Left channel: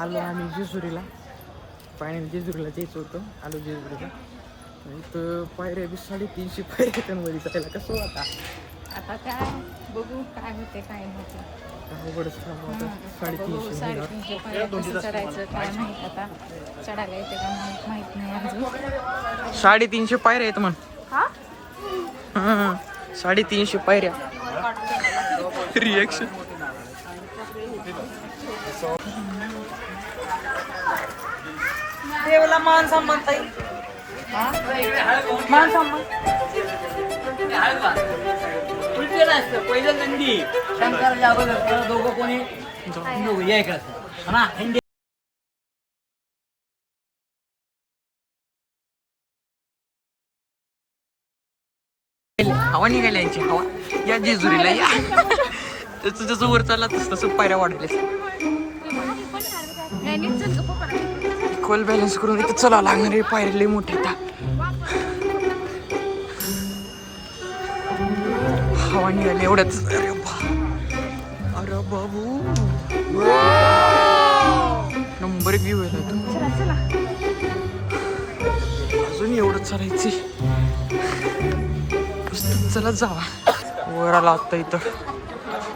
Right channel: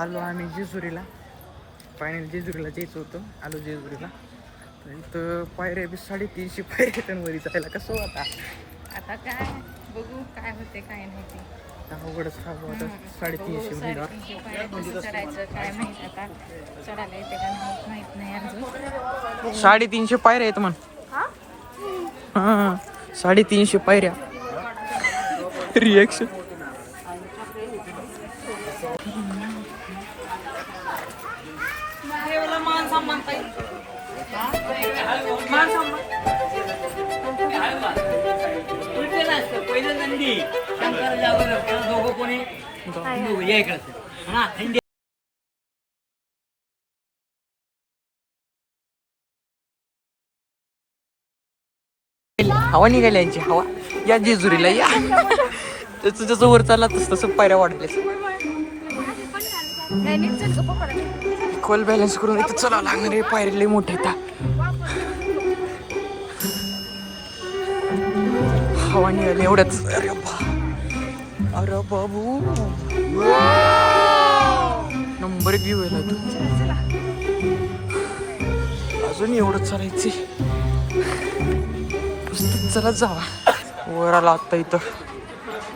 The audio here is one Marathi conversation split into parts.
आलो आम्ही जेजुरीला. फायनल जेजुरीला जायचं होतं. आलो जेजुरीला. तर इथं पायऱ्या बी 350 पायऱ्या वरी जायला कसं होता. आता काय बघू काय होते काय नव्हते. अवघडच काम होतं. 350 महिला. कसं चढायचं काय माहिती आता. चढायला येते का नाही माहित नाही अजून. 350 पायऱ्या आहेत म्हण. हा 350 पायऱ्या. रिएक्शन देवाला मान सन्मान ताई. मान सन्मान पहिलं नंदी शंकराच्या अगोदर दोघं कोणी दोघं या इकडं ना. हवा निघाली यांची हवा. या जेजुरीला या. जसं जसं वर चालला तसं तसं पायऱ्या वाढायला. इक्वल बॅलन्स करून इथं चलावं लागणार आहे. पायऱ्या लई मोठे येतात. हवा निघाली एवढ्याच. अरे बाबू नंबर एक व्ह्यू आहे तू. अजून एवढं चालायचे. चला जावा. वर आला आत्ता इथं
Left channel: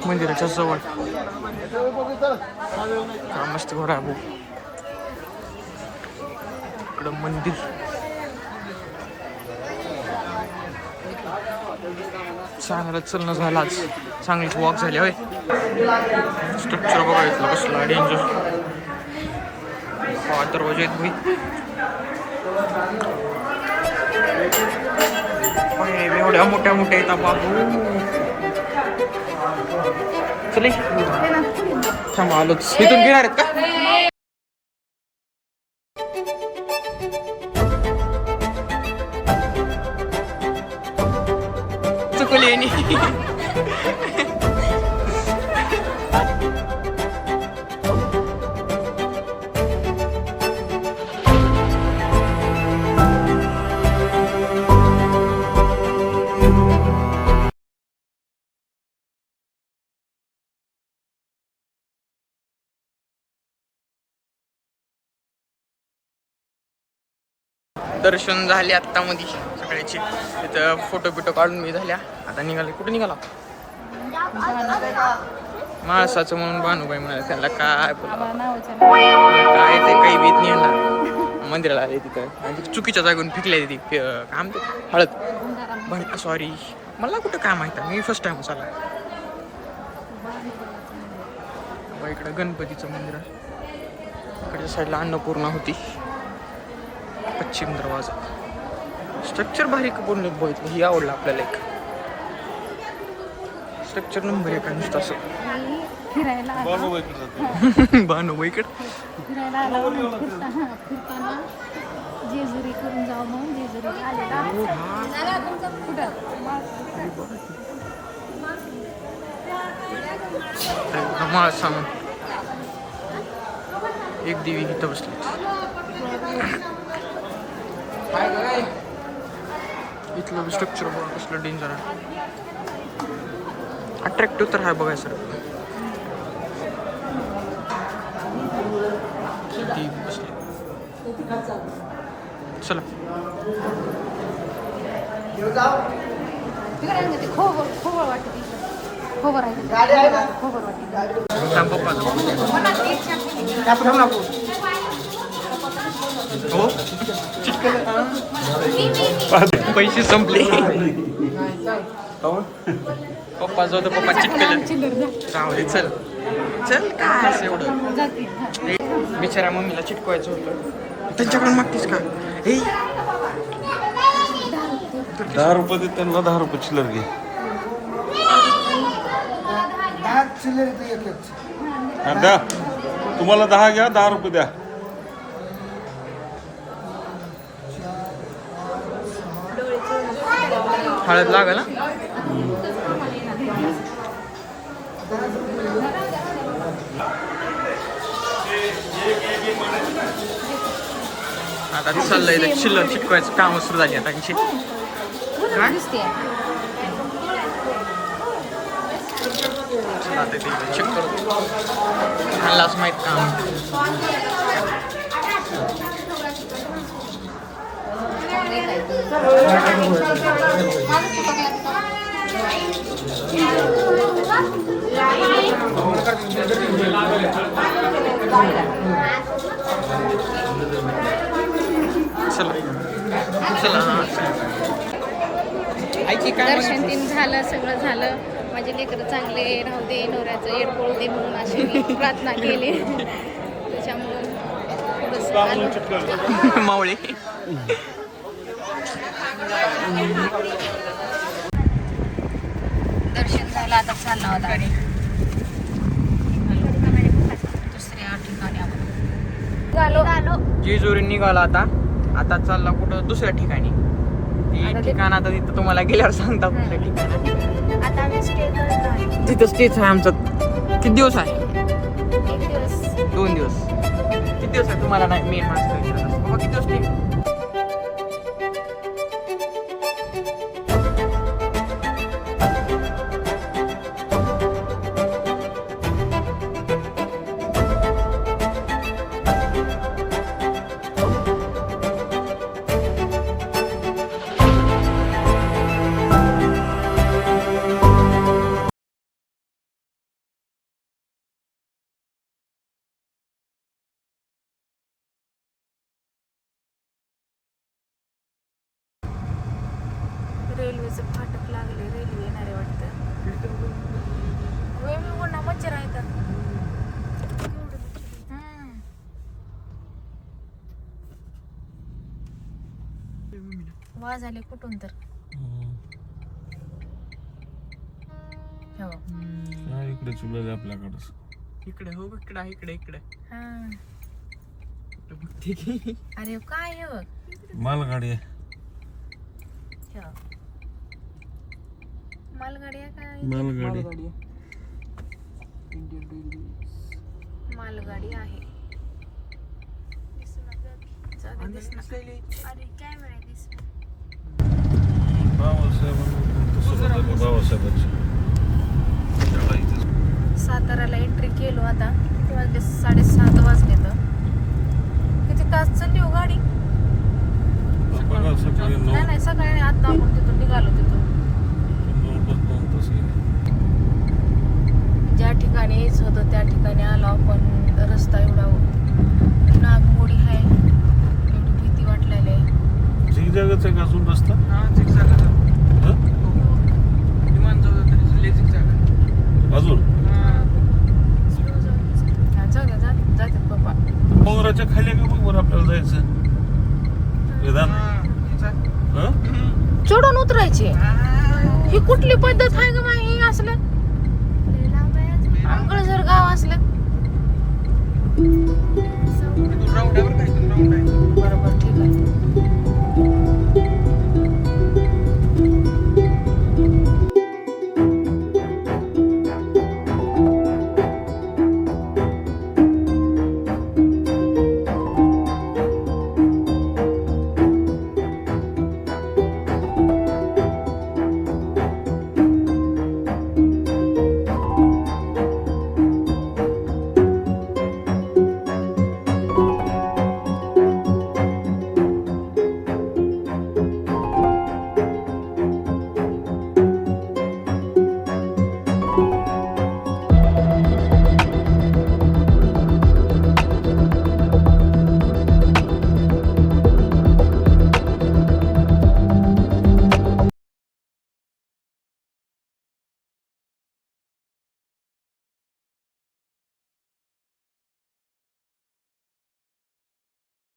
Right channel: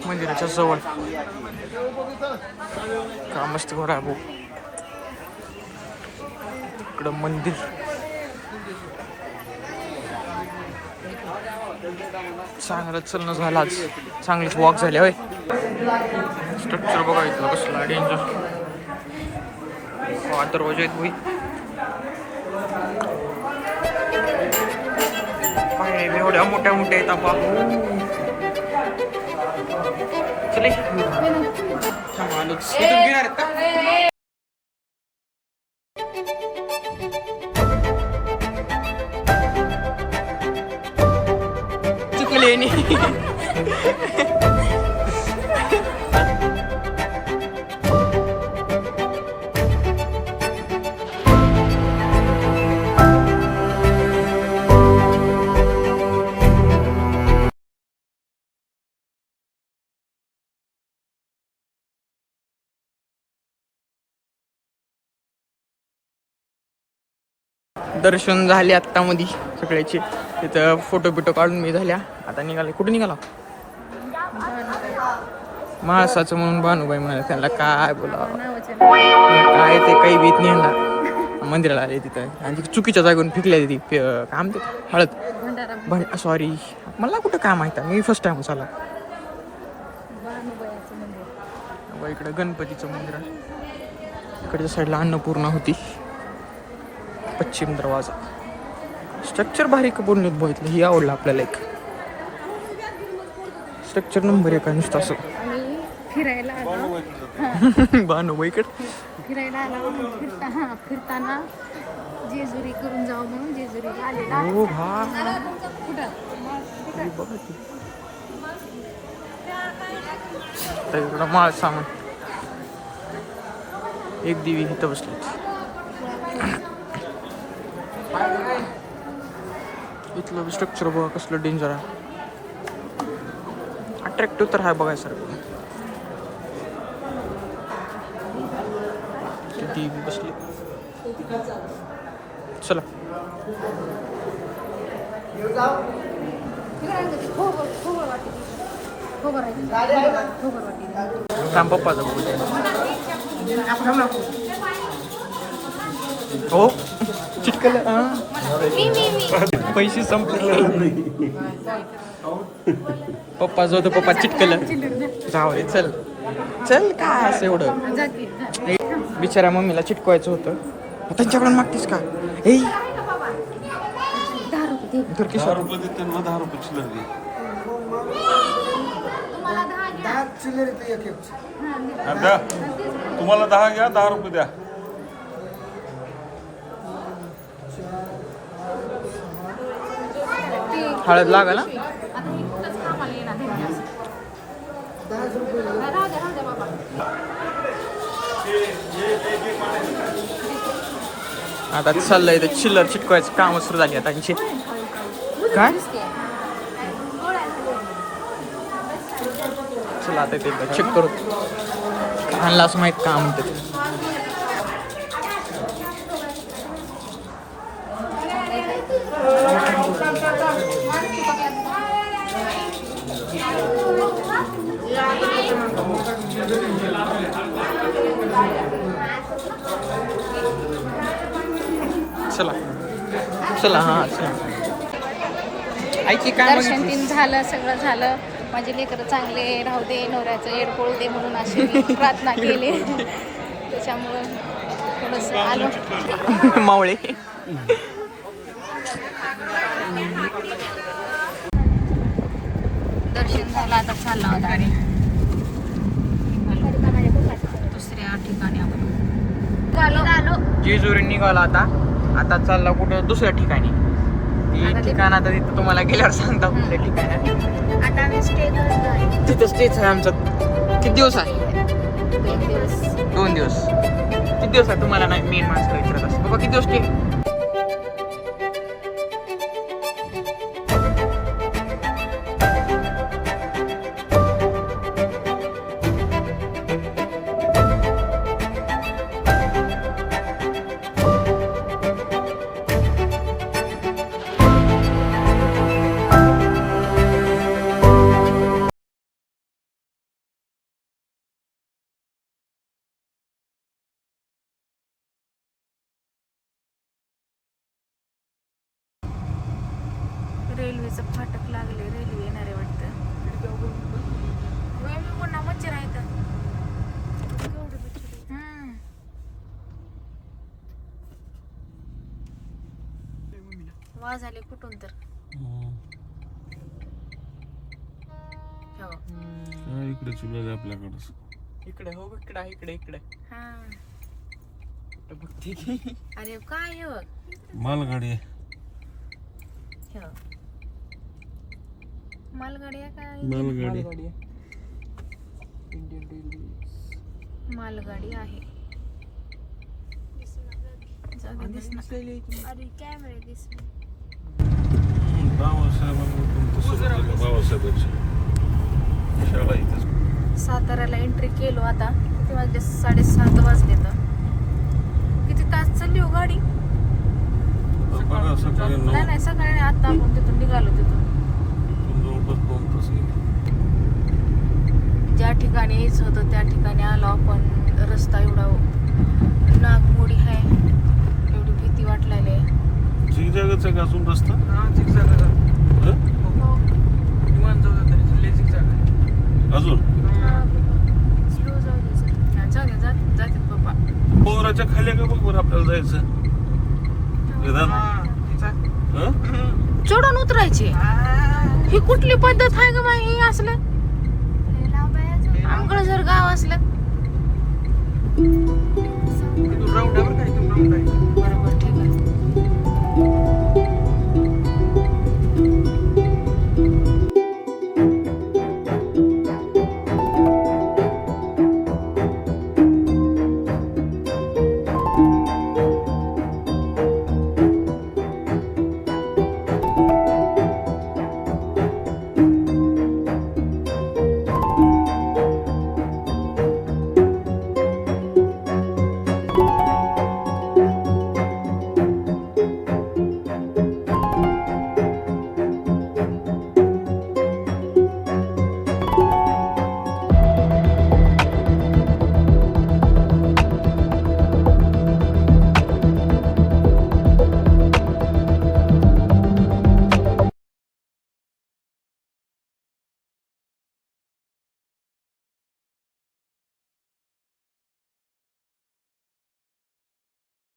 मंदिराच्या जवळ. का मस्त घर आहे भाऊ. इकडं मंदिर. चांगलं चलणं झालं आज. चांगलीच वॉक झाली होय. स्ट्रक्चर बघायचं कसला डेंजर. दरवाजे आहेत भाई. पायऱ्या एवढ्या मोठ्या मोठ्या येतात बाबू. चले थांबा आलोच. इथून घेणार का. चुकले दर्शन झाले आत्ता मध्ये सगळ्याचे. इथं फोटो बिटो काढून मी झाल्या. आता निघाले. कुठे निघाला. माणसाचं म्हणून भानुबाई म्हणाले. त्यांना काय बोला काय ते काही भीत नाही येणार. मंदिराला आले तिथं आणि चुकीच्या जागून फिकल्या ती काम ते हळद. सॉरी मला कुठं काय माहिती. मी फर्स्ट टाइम चालला. इकडं गणपतीचं मंदिर आहे. इकडच्या साईडला अन्नपूर्णा होती. पश्चिम दरवाजा. स्ट्रक्चर भारी पूर्ण बघितलं. ही आवडलं आपल्याला. एक स्ट्रक्चर नंबर 1 नुसतं असं. फिरायला आलो. भानुबाईकडे फिरायला आलो. फिरताना जेजुरी करून जाऊ म्हणून जेजुरीला आलेला. कुठं माळ सामान. एक देवी इथं बसली. इथलं स्ट्रक्चर बघा कसलं डेंजर आहे. अट्रॅक्टिव्ह तर आहे बघायसारखं. बसली. चला पप्पा हो पैसे संपले. पप्पा जो पप्पा चिटकलं. चल चल काय असं एवढं. बिचारा मम्मीला चिटकवायचं होतं. त्यांच्याकडून मागतीस का. 10 रुपये दे त्यांना. 10 रुपये चिल्लर घे. द्या तुम्हाला 10 घ्या. 10 रुपये द्या. हळद लागल. आता चाललंय ते चिल्लर चिटकवायचं काम सुरू झाली आता. काय चला आता ते चेक करू मलाच माहीत काम चला चला हां दर्शन तीन झालं, सगळं झालं. माझे लेकरं चांगले राहू दे, नवऱ्याचं येड पळू दे म्हणून अशी मी प्रार्थना केली. त्याच्यामुळं थोडंसं आलो. मावळे दर्शन झालं, आता चालला होता आणि दुसऱ्या ठिकाणी आलो. जेजुरी निघाला आता चालला कुठं दुसऱ्या ठिकाणी. ठिकाण आता तिथं तुम्हाला गेल्यावर सांगता कुठल्या ठिकाण. आता आम्ही स्टे करतोय. तिथं स्टेच आहे आमचं. किती दिवस आहे? 1 दिवस. 2 दिवस. किती दिवस आहे तुम्हाला नाही मेन माणसाला विचारत असतं बाबा किती दिवस स्टे? रेल्वेचं फाटक लागले, रेल्वे येणार आहे वाटतं. होय, मी पुन्हा मच्छर आहे का? वाज आले कुठून तर. हो. इकडे चुल आपल्याकडे इकडे हो इकडे इकडे हा. बघते की अरे काय हो? मालगाडी आहे. हो. मालगाडी आहे काय? मालगाडी इंडियन रेल्वे मालगाडी आहे. जाऊ दे, दिसणार. अरे कॅमेरा दिसणार. साताऱ्याला एंट्री केलो आता. किती वाजले? 7:30 वाजले. तर किती तास चालली हो गाडी? नाही सकाळी आता आपण तिथून निघालो. तिथून ज्या ठिकाणी यायचं होतं त्या ठिकाणी आलो आपण. रस्ता एवढा नागमोडी आहे, एवढी भीती वाटलेली आहे. झिगझॅगच आहे का अजून रस्ता? अजून जातात बाबा. डोंगराच्या खाली का मग वर आपल्याला जायचं? चढून उतरायची ही कुठली पद्धत आहे ग बाई? ही असलं आमकडे जर गाव असलं बरोबर, ठीक आहे.